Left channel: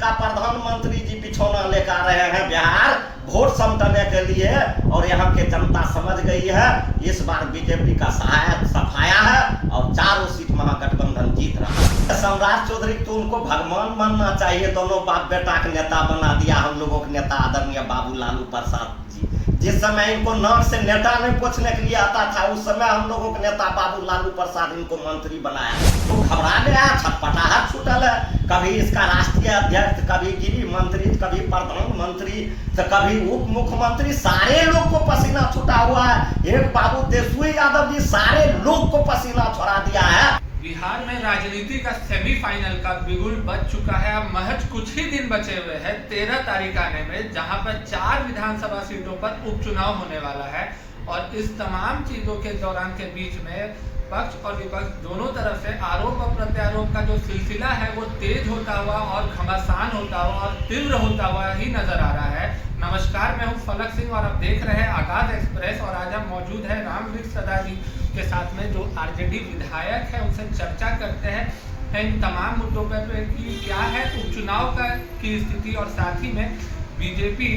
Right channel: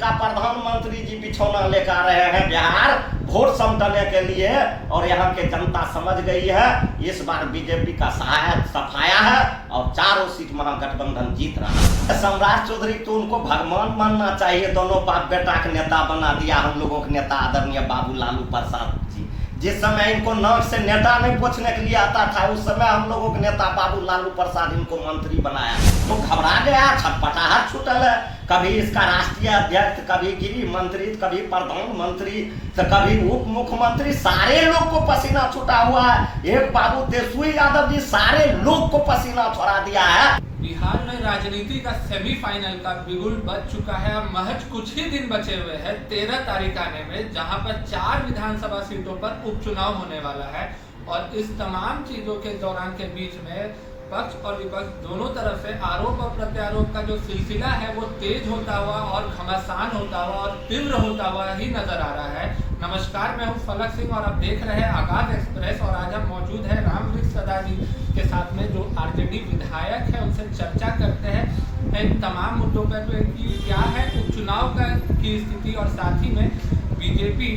इनका प्रधानमंत्री जी बिछौना लेकर आ रहे हैं बिहार वोट समटने के लिए, और यहाँ के जनता समझ गई है इस बार बीजेपी का सफाया है और चारों सीट महागठबंधन जीत रहा है। सम्राट चौधरी तो उनको भगवान मानना चाहिए, दोनों बाप बेटा के नेता बना दिया हम लोगों के नेता आदरणीय बाबू लालू प्रसाद जी। जिस समय इनको नाक से नेता नहीं पूछने के लिए आता था, उस समय हम लोगों के नेता बाबू लालू प्रसाद इनको मंत्री बनाया। तो घबरा गया, छटपटाहट छूटल है। कभी इसका राष्ट्रीय अध्यक्ष, कभी गृह मंत्री, कभी प्रधानमंत्री, तो कभी उप मुख्यमंत्री, सारे लोग को पसीना छूटा हुआ है। एक बाबू तेजस्वी यादव जी सारे लोग को पसीना छोड़ा दिया है। बिहार में राजनीति का सेमीफाइनल का बिगुल बज चुका है। अब महज कुछ ही दिन बचे हुए हैं 13 तारीख आने में, जहां पर 4 विधानसभा सीटों पर उपचुनाव होने वाला है। और इस तमाम चीजों के दौरान के बीच में पक्ष और विपक्ष दोनों तरफ से आरोप और प्रत्यारोप का जो सिलसिला है वो तेज होता हुआ और घमासान होता हुआ और तीव्र होता हुआ ही नजर आ रहा है। नमस्कार, मैं हूं फलक सिंह और आप देख रहे हैं आगाज एक्सप्रेस। और आज हम मौजूद हैं रामवृक्ष सदा जी के साथ में, जो आरजेडी विधायक है। उनसे चर्चा करते हैं इन तमाम मुद्दों पर कि क्या है उपचुनाव की स्थिति, और साथ ही में बीजेपी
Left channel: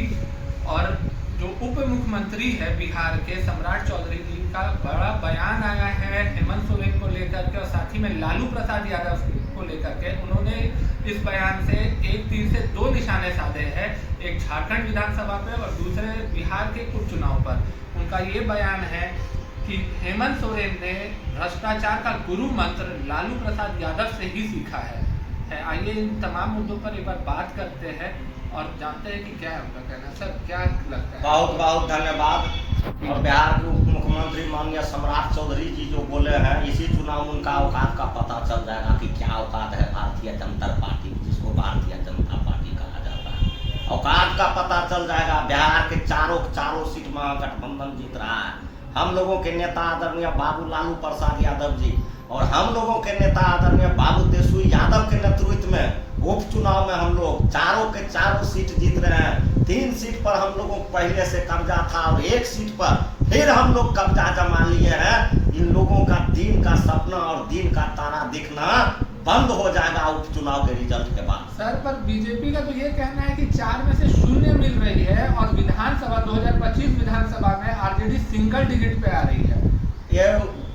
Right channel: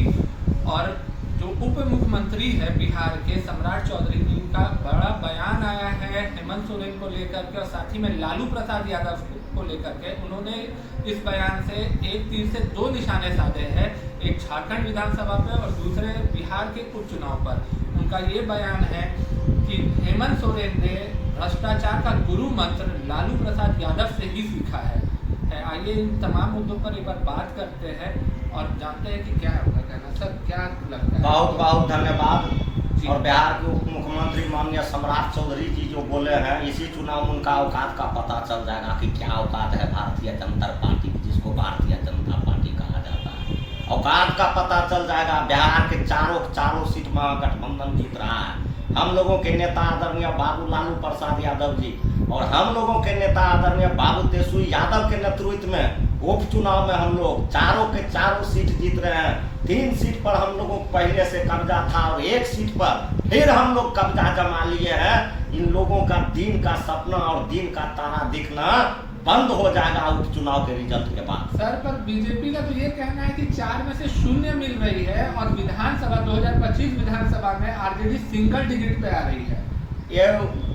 और जो उप मुख्यमंत्री है बिहार के सम्राट चौधरी जी का बड़ा बयान आया है हेमंत सोरेन को लेकर के, और साथ ही में लालू प्रसाद यादव को लेकर के। उन्होंने इस बयान से एक तीर से 2 निशाने साधे हैं, एक झारखंड विधानसभा पे और दूसरे बिहार के उपचुनाव पर। उनका ये बयान है कि हेमंत सोरेन ने भ्रष्टाचार का गुरु मंत्र लालू प्रसाद यादव से ही सीखा है। आइए इन तमाम मुद्दों पर एक बार बात करते हैं और जानते हैं कि क्या होगा कहना। सर, क्या लगता है? बहुत बहुत धन्यवाद। और बिहार के उप मुख्यमंत्री माननीय सम्राट चौधरी जी जो बोले हैं, इसी चुनाव में उनका औकात का पता चल जाएगा कि क्या औकात है भारतीय जनता पार्टी, जिसको भारतीय जनता पार्टी कहा जाता है। औकात का पता चल जाएगा। बिहार के चारों सीट महागठबंधन जीत रहा है। हम लोगों के नेता आदरणीय बाबू लालू प्रसाद यादव जी और हम लोगों के नेता आदरणीय बाबू तेजस्वी यादव के नेतृत्व में उपचुनाव में हम लोग चारों के चारों सीट जीत रहे हैं। 3 सीट पर हम लोगों को पहले से कब्जा था और 1 सीट पर फिर हम लोग कब्जा जमा लिए हैं। इन लोगों का दिन का सपना और दिन का तारा दिखना बंद हो जाएगा उपचुनाव के रिजल्ट के बाद। सर, पर बीजेपी का तो ये कहना है कि 4 में से 0 मिल रही है और विधानसभा 2025 विधानसभा में आरजेडी सिंगल डिजिट पे आ रही है। ये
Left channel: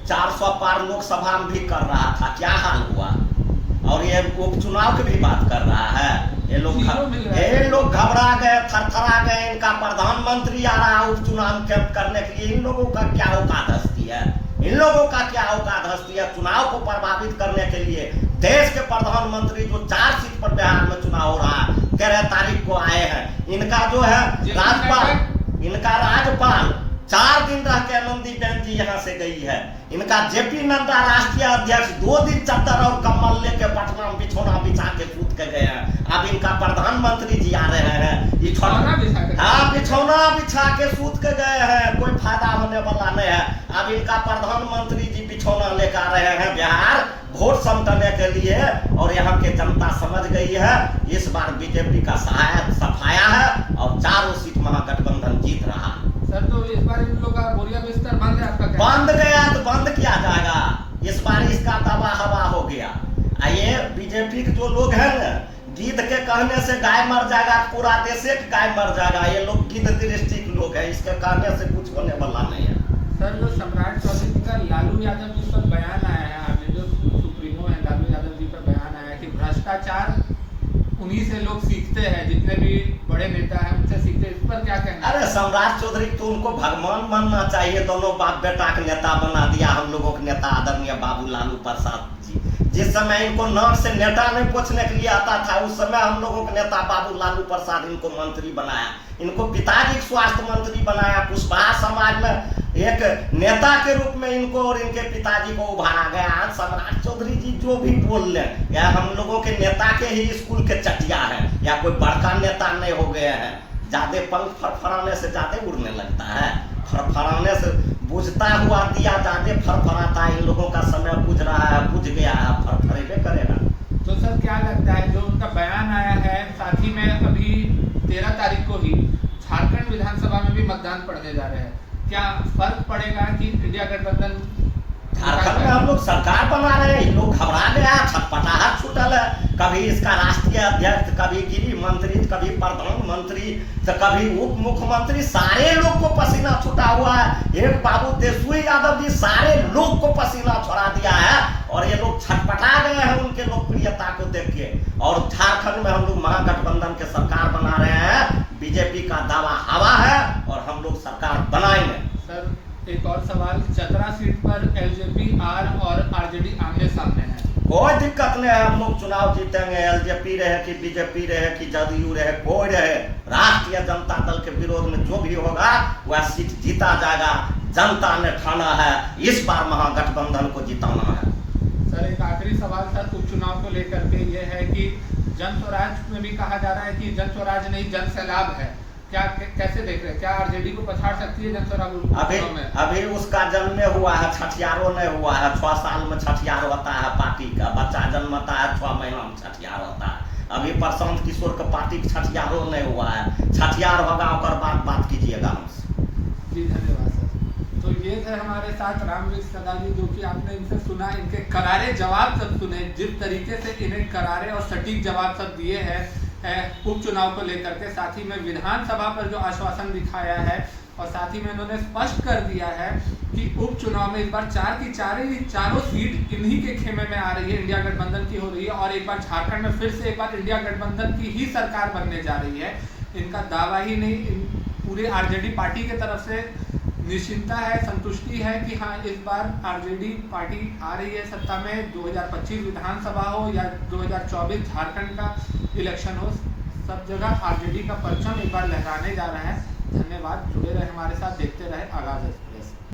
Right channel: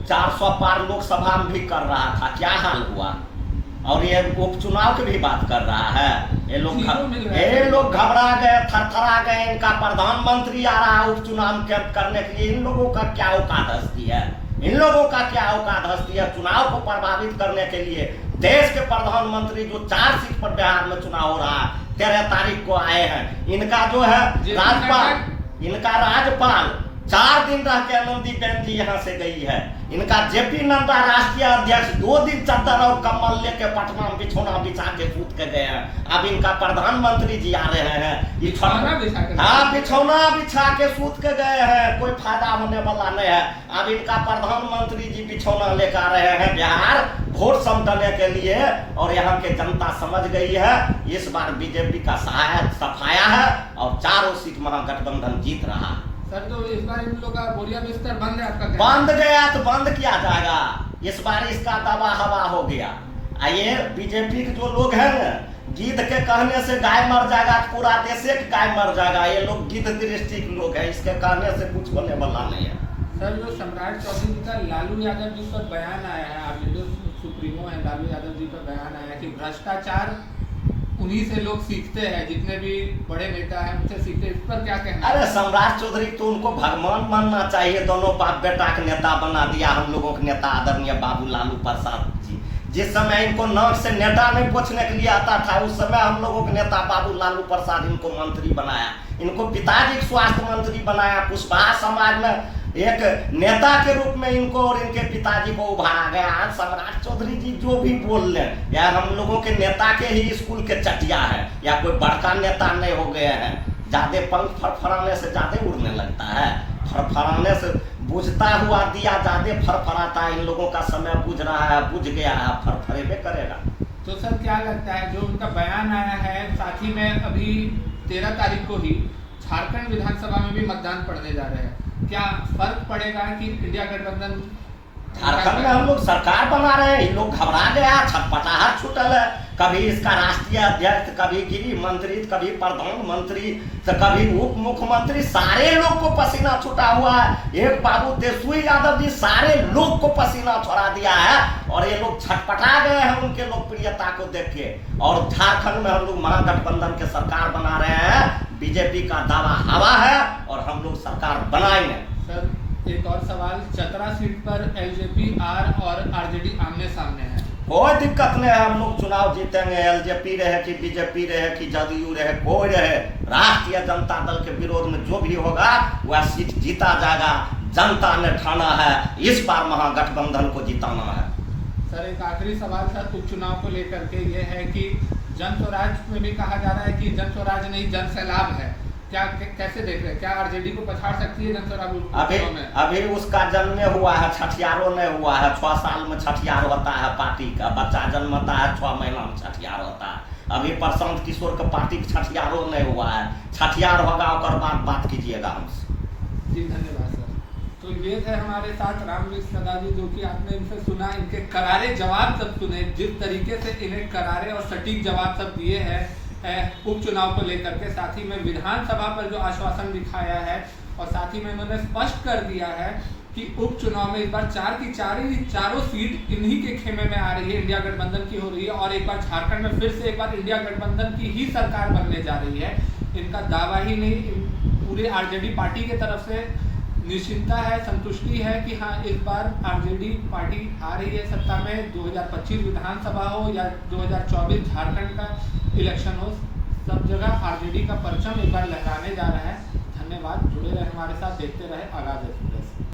400 पार लोकसभा में भी कर रहा था, क्या हाल हुआ? और ये उपचुनाव की भी बात कर रहा है। ये लोग घबरा गए, थरथरा गए। इनका प्रधानमंत्री आ रहा है उपचुनाव करने के लिए। इन लोगों का क्या औकात हस्ती है? इन लोगों का क्या औकात हस्ती है चुनाव को प्रभावित करने के लिए? देश के प्रधानमंत्री जो 4 सीट पर बिहार में चुनाव हो रहा है, 13 तारीख को आए हैं। इनका जो है राज्यपाल, इनका राज्यपाल 4 दिन रह के आनंदीबेन जी यहाँ से गई है। इनका जेपी नड्डा राष्ट्रीय अध्यक्ष 2 दिन चद्दर और कम्बल लेके पटना में बिछौना बिछा के सूत के गए हैं। अब इनका प्रधानमंत्री जी आ रहे हैं, बिछौना बिछा के सूत के गए हैं, कोई फायदा होने वाला नहीं है। अब इनका प्रधानमंत्री जी बिछौना लेकर आ रहे हैं बिहार वोट समटने के लिए, और यहाँ के जनता समझ गई है इस बार बीजेपी का सफाया है और चारों सीट महागठबंधन जीत रहा है। सर, तो इस बार इन लोगों का बोरिया बिस्तर बंद है आपका? बंद गया तो बंद किया जाएगा। इस बार इसका दवा हवा हो गया। ये बीजेपी के जो लोग हैं ना, गिद्ध के कहने से गाय मर जाएगा, पूरा देश एक गाय मर जाएगा। ये लोग गिद्ध दृष्टि के लोग हैं, इसके कहने से कुछ होने वाला नहीं है। सर, जो सम्राट चौधरी जी का लालू यादव जी पर बयान आया है, आपने जो सुप्रीमो है लालू यादव जी पर बयान आया है कि भ्रष्टाचार उन्हीं से लोग सीखते हैं, जितने भी बड़े नेता हैं उनसे सीखते हैं, इस पर क्या कहना है? अरे सम्राट चौधरी तो उनको भगवान मानना चाहिए। दोनों बाप बेटा के नेता बना दिया हम लोगों के नेता आदरणीय बाबू लालू प्रसाद जी। जिस समय इनको नाक से नेता नहीं पूछने के लिए आता था, उस समय हम लोगों के नेता बाबू लालू प्रसाद इनको मंत्री बनाया। इनको पिताजी स्वास्थ्य मंत्री बनाया। कुशवाहा समाज में एक नेता के रूप में इनको और इनके पिताजी को उभारा गया। आज सम्राट चौधरी जी जो भी बोल ले, या हम लोगों के नेता के ही स्कूल के चटिया है, या कोई बड़का नेता नहीं हो गए हैं। ज्यादा पंख फरफराने से ज्यादा उड़ने लगता है, फरफराने से बुझता हुआ दिया ज्यादा फरफराता है। इन लोगों का समय बुझ रहा है, बुझ गया है, फरफरेबे करेगा। तो सर, क्या लगता है जो उनका बयान आया है, साथ ही में अभी 13 तारीख को ही झारखंड विधानसभा में भी मतदान पड़ने जा रहे हैं, क्या फर्क पड़ेगा कि इंडिया गठबंधन झारखंड में हम लोग सरकार बना रहे हैं, इन लोग घबरा गया, छटपटाहट छूटल है। कभी इसका राष्ट्रीय अध्यक्ष, कभी गृह मंत्री, कभी प्रधानमंत्री, तो कभी उप मुख्यमंत्री, सारे लोग को पसीना छूटा हुआ है। एक बाबू तेजस्वी यादव जी सारे लोग को पसीना छोड़ा दिया है और ये लोग छटपटा गए हैं उनके लोकप्रियता को देख के। और झारखंड में हम लोग महागठबंधन के सरकार बना रहे हैं, बीजेपी का दावा हवा है और हम लोग सरकार बनाएंगे। सर एक और सवाल, चतरा सीट पर एलजेपी आर और आरजेडी आमने सामने है, कोई दिक्कत नहीं है, हम लोग चुनाव जीतेंगे। एलजेपी रहे कि बीजेपी रहे कि जदयू रहे, कोई रहे, राष्ट्रीय जनता दल के विरोध में जो भी होगा वह सीट जीता जाएगा। जनता ने ठाना है, इस बार महागठबंधन को जिताना है। सर एक आखिरी सवाल सर उपचुनाव को लेकर के ये है कि जन स्वराज में भी कहा जा रहा है कि जन स्वराज नहीं जन सैलाब है, क्या कैसे देख रहे हैं? क्या आरजेडी को पछाड़ सकती है जन स्वराज में? अभी उसका जन्म हुआ है, छठियारों नहीं हुआ है। 6 साल में छठियार होता है पार्टी का, बच्चा जन्मता है 6 महीना में छठियार होता है। अभी प्रशांत किशोर के पार्टी का छठियारों नहीं हुआ है, छठियार होगा और बाद बात कीजिएगा हमसे। जी धन्यवाद सर। तो ये थे हमारे साथ रामवीर सदा जी, जो कि आपने इनसे सुना, इनके करारे जवाब सब सुने, जिस तरीके से इन्हें करारे और सटीक जवाब सब दिए हैं उपचुनाव को लेकर के, साथ ही में विधानसभा पर जो आश्वासन दिखाया है और साथ ही में उन्होंने स्पष्ट कर दिया है कि उपचुनाव में इस बार 4 की चारों सीट इन्हीं के खेमे में आ रही है, इंडिया गठबंधन की हो रही है और एक बार झारखंड में फिर से एक बार इंडिया गठबंधन की ही सरकार बनने जा रही है। इनका दावा ही नहीं, पूरे आरजेडी पार्टी की तरफ से निश्चिंतता है, संतुष्टि है कि हाँ इस बार आरजेडी पार्टी आ रही है सत्ता में। 2025 विधानसभा हो या 2024 झारखंड का इलेक्शन हो, सब जगह आरजेडी का परचम एक बार लहराने जा रहा है। धन्यवाद, जुड़े रहे हमारे साथ, देखते रहे आगाज।